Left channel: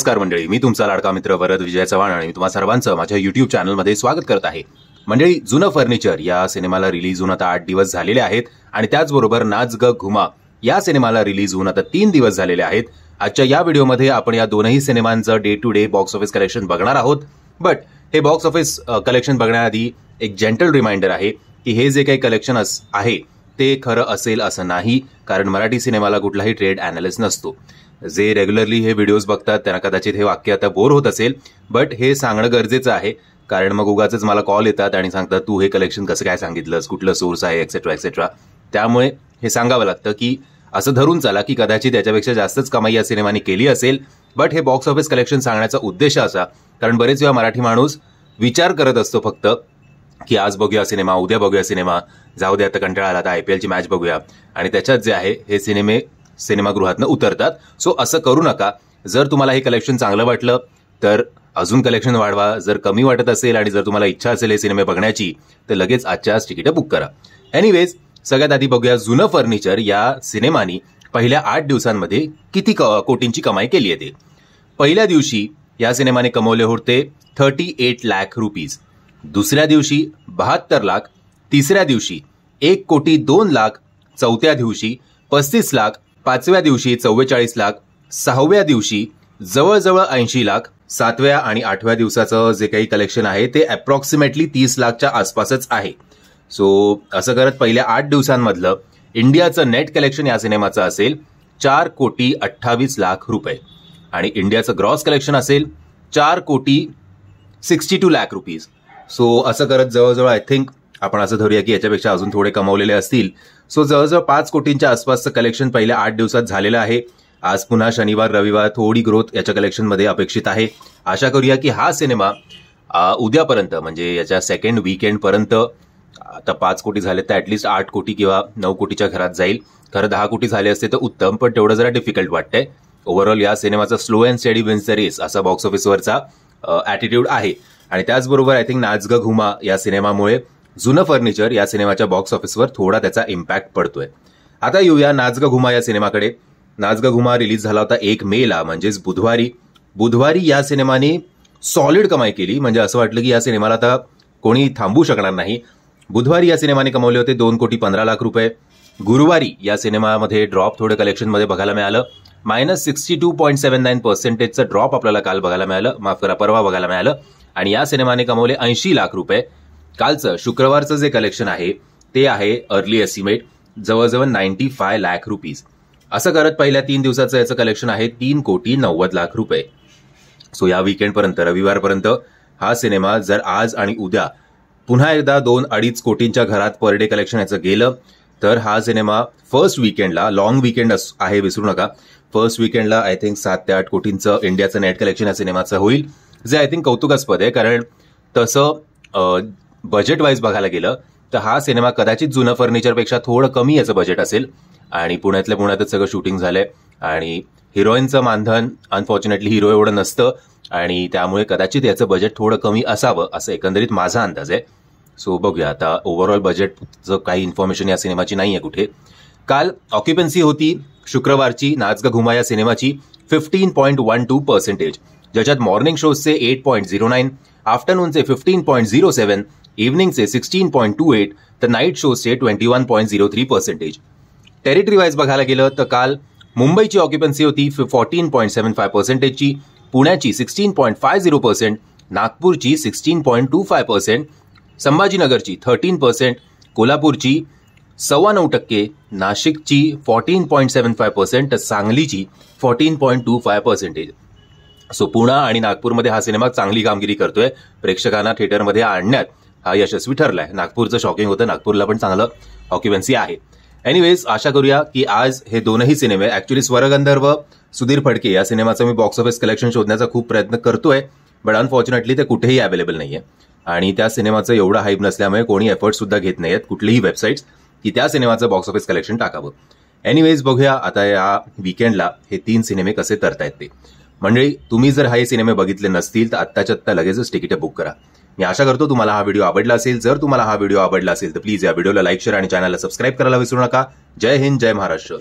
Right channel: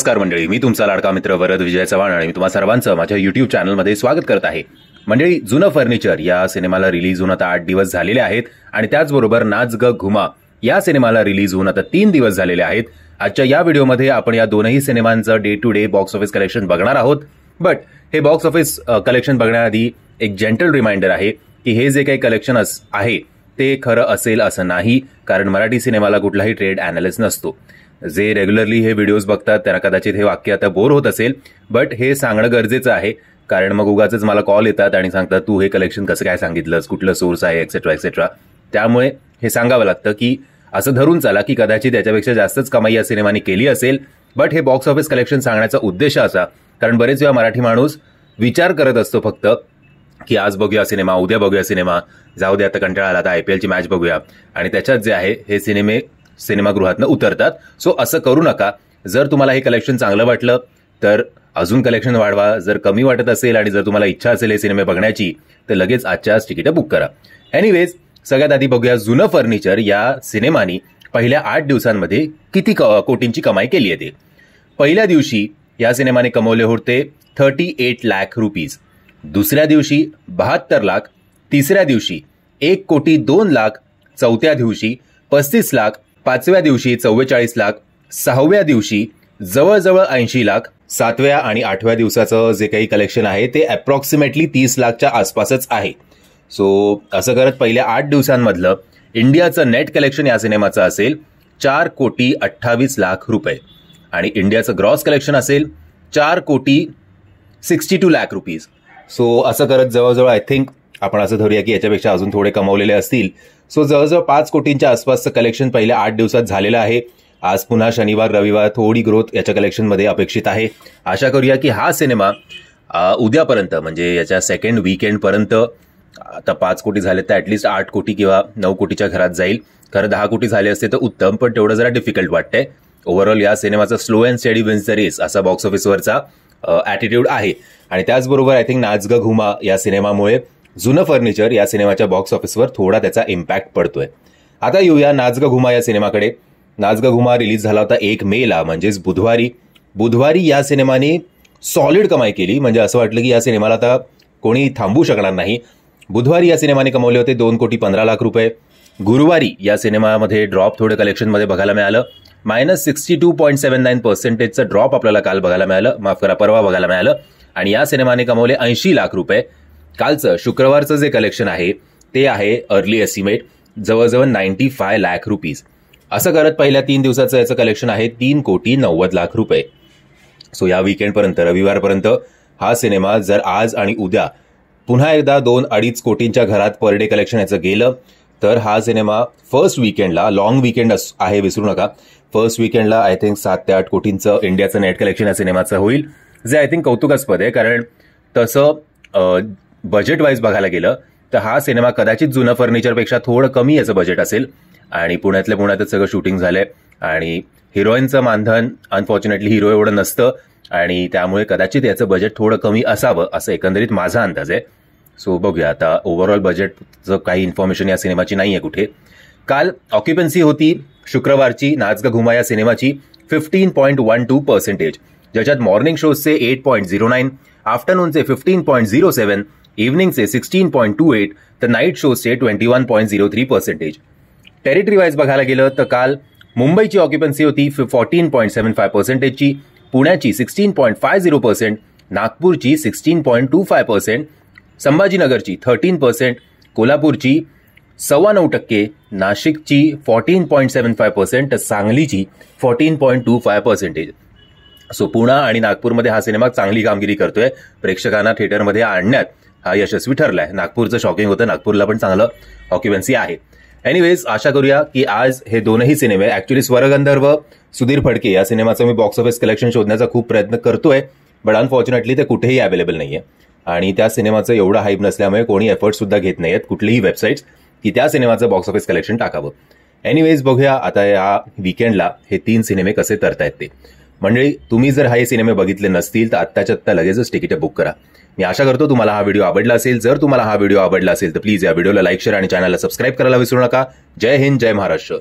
नमस्कार मंडळी, मी तुमचा लाडका मित्र वरद विजय चव्हाण आणि मी तुम्हा सर्वांचं माझ्या युट्यूब चॅनलमध्ये स्वागत करत आहे. मंडळी, जुनं फर्निचर या सिनेमाला रिलीज होऊन आता 8 दिवस झालेले आहेत आणि त्याचबरोबर नाच ग घुमा या सिनेमाला रिलीज होऊन आता 3 दिवस झालेले आहेत. आजच्या या व्हिडिओमध्ये आपण या दोनही सिनेमांचं day to day box office collection बघणार आहोत. बट हे बॉक्स ऑफिस कलेक्शन बघण्याआधी एक जेंटल रिमाइंडर आहे की हे जे काही कलेक्शन आहे ते खरं असेल असं नाही, कारण मराठी सिनेमाला कुठलाही ट्रेड अॅनालिस्ट नसतो. जे रेग्युलरली हे व्हिडिओज बघतात त्यांना कदाचित हे वाक्य आता बोर होत असेल, बट हे सांगणं गरजेचं आहे, कारण मग उगाचच मला कॉल येतात आणि सांगतात तू हे कलेक्शन कसं काय सांगितलंस, कुठलं सोर्स आहे, एक्सेट्रा एक्सेट्रा. त्यामुळे हे सांगावं लागतं की असं धरून चला की कदाचित याच्यापेक्षा जास्तच कमाई या सिनेमाने केली असेल, बट हे बॉक्स ऑफिस कलेक्शन सांगण्याचा उद्देश असा, कारण बरेच वेळा मराठी माणूस विचार करत असतो फक्त की आज बघूया सिनेमा, उद्या बघूया सिनेमा, जाऊ दे आता कंटाळा आला, आता IPL ची मॅच बघूया, आणि त्याच्यात जे आहे हे सिनेमागृहातनं उतरतात. सो असं करू नका. जर तुम्हाला हे कलेक्शन चांगलं वाटलं तर अजून कलेक्शन वाढवा. जर कमी वाटत असेल आणि जर तुम्हाला इच्छा असेल हे सिनेमे बघण्याची तर लगेच आजच्या आज तिकीट बुक करा. एनिवेज, सगळ्यात आधी बघूया जुनं फर्निचर या सिनेमानी पहिल्या 8 दिवसांमध्ये किती कोटींची कमाई केली आहे. पहिल्या दिवशी या सिनेमाने कमवले होते 38 लाख रुपीज, दुसऱ्या दिवशी 72 लाख, तिसऱ्या दिवशी 1,02,00,000, चौथ्या दिवशी 35 लाख, पाचव्या दिवशी 44 लाख, सहाव्या दिवशी जवळजवळ 80 लाख, सातव्या आणि 8व्या दिवसाचं जे काही कलेक्शन आहे ते अप्रॉक्सिमेटली 30 लाखच्या आसपासच आहे. सो असं करत पहिल्या 8 दिवसांमधलं इंडियाचं नेट कलेक्शन या सिनेमाचं असेल 4,28,00,000 रुपये आणि इंडियाचं ग्रॉस कलेक्शन असेल 4,62,00,000 रुपीज. सो असं करत जवळजवळ आय थिंक आपण असं धरूया की याच्यापेक्षा अजून थोडे कमवलेले असतील. सो जवळजवळ 5 कोटींच्या आसपासचं कलेक्शन पहिल्या 8 दिवसात झालेलं आहे. आज पुन्हा शनिवार रविवार थोडी ग्रोथ याच्या कलेक्शनमध्ये अपेक्षित आहे. आशा करूया की हा सिनेमा उद्यापर्यंत म्हणजे याच्या सेकंड वीकेंड पर्यंत आता 5 कोटी झाले तर ऍटलिस्ट 8 कोटी किंवा 9 कोटीच्या घरात जाईल. खरं 10 कोटी झाले असते तर उत्तम, पण तेवढं जरा डिफिकल्ट वाटतंय. ओव्हरऑल या सिनेमाचा slow and steady wins the race असा बॉक्स ऑफिसवरचा ॲटिट्यूड आहे. आणि त्याचबरोबर आय थिंक नाच ग घुमा या सिनेमामुळे जुनं फर्निचर या सिनेमाच्या बॉक्स ऑफिसवर थोडा त्याचा इम्पॅक्ट पडतोय. आता येऊया नाच ग घुमा या सिनेमाकडे. नाच ग घुमा रिलीज झाला होता 1 मेला, म्हणजेच बुधवारी या सिनेमाने सॉलिड कमाई केली. म्हणजे असं वाटलं की या सिनेमाला आता कोणी थांबू शकणार नाही. बुधवारी या सिनेमाने कमवले होते 2,15,00,000 रुपये. गुरुवारी या सिनेमामध्ये ड्रॉप थोडं कलेक्शनमध्ये बघायला मिळालं. -62.79% ड्रॉप आपल्याला काल बघायला मिळालं, माफ करा परवा बघायला मिळालं, आणि या सिनेमाने कमवले 80 लाख रुपये. कालचं शुक्रवारचं जे कलेक्शन आहे ते आहे अर्ली एस्टिमेट जवळजवळ 95 लाख रुपीज. असं करत पहिल्या 3 दिवसाचं याचं कलेक्शन आहे 3,90,00,000 रुपये. सो या वीकेंडपर्यंत रविवारपर्यंत हा सिनेमा जर आज आणि उद्या पुन्हा एकदा 2-2.5 कोटींच्या घरात पर डे कलेक्शन याचं गेलं तर हा सिनेमा फर्स्ट वीकेंडला, लॉंग वीकेंड आहे विसरू नका, फर्स्ट वीकेंडला आय थिंक 7 ते 8 कोटींचं इंडियाचं नेट कलेक्शन या सिनेमाचं होईल, जे आय थिंक कौतुकास्पद आहे. कारण तसं बजेट वाईज बघायला गेलं तर हा सिनेमा कदाचित जुनं फर्निचरपेक्षा थोडं कमी याचं बजेट असेल आणि पुण्यातल्या पुण्यातच सगळं शूटिंग झालंय आणि हिरोईनचं मानधन अनफॉर्च्युनेटली हिरो एवढं नसतं आणि त्यामुळे कदाचित याचं बजेट थोडं कमी असावं असं एकंदरीत माझा अंदाज आहे. सो बघूया आता. ओव्हरऑल बजेटचं काही इन्फॉर्मेशन या सिनेमाची नाहीये कुठे. काल ऑक्युपन्सी होती शुक्रवारची नाच ग घुमा या सिनेमाची 15.12%, ज्याच्यात मॉर्निंग शोजचे 8.09, आफ्टरनूनचे 15.07, इव्हनिंगचे 16.28 तर नाईट शोजचे 21.03%. टेरिटरी वाईज बघायला गेलं तर काल मुंबईची ऑक्युपन्सी होती 14.75%ची, पुण्याची 16.50%, नागपूरची 16.25%, संभाजीनगरची 13%, कोल्हापूरची 9.25%, नाशिकची 14.75% तर सांगलीची 14.25%. सो पुणे आणि नागपूरमध्ये हा सिनेमा चांगली कामगिरी करतोय. प्रेक्षकांना थिएटरमध्ये आणण्यात हा यशस्वी ठरलाय. नागपूरचं शॉकिंग होतं, नागपूरला पण चांगलं ऑक्युपन्सी आहे. एनिवेज, आशा करूया की आज हे दोनही सिनेमे, ऍक्च्युली स्वरगंधर्व सुधीर फडके या सिनेमाचं मी बॉक्स ऑफिस कलेक्शन शोधण्याचा खूप प्रयत्न करतोय, बट अनफॉर्च्युनेटली ते कुठेही अवेलेबल नाहीये आणि त्या सिनेमाचं एवढं हाईप नसल्यामुळे कोणी एफर्ट सुद्धा घेत नाहीयेत कुठलीही वेबसाईट्स की त्या सिनेमाचं बॉक्स ऑफिस कलेक्शन टाकावं. एनिवेज, बघूया आता या वीकेंडला हे 3 सिनेमे कसे तरतायत ते. म्हणजे तुम्ही जर हे सिनेमे बघितले नसतील तर आत्ताच्या आत्ता लगेचच तिकीट बुक करा. मी आशा करतो तुम्हाला हा व्हिडिओ आवडला असेल. जर तुम्हाला हा व्हिडिओ आवडला असेल तर प्लीज या व्हिडिओला लाईक, शेअर आणि चॅनलला सबस्क्राईब करायला विसरू नका. जय हिंद, जय महाराष्ट्र.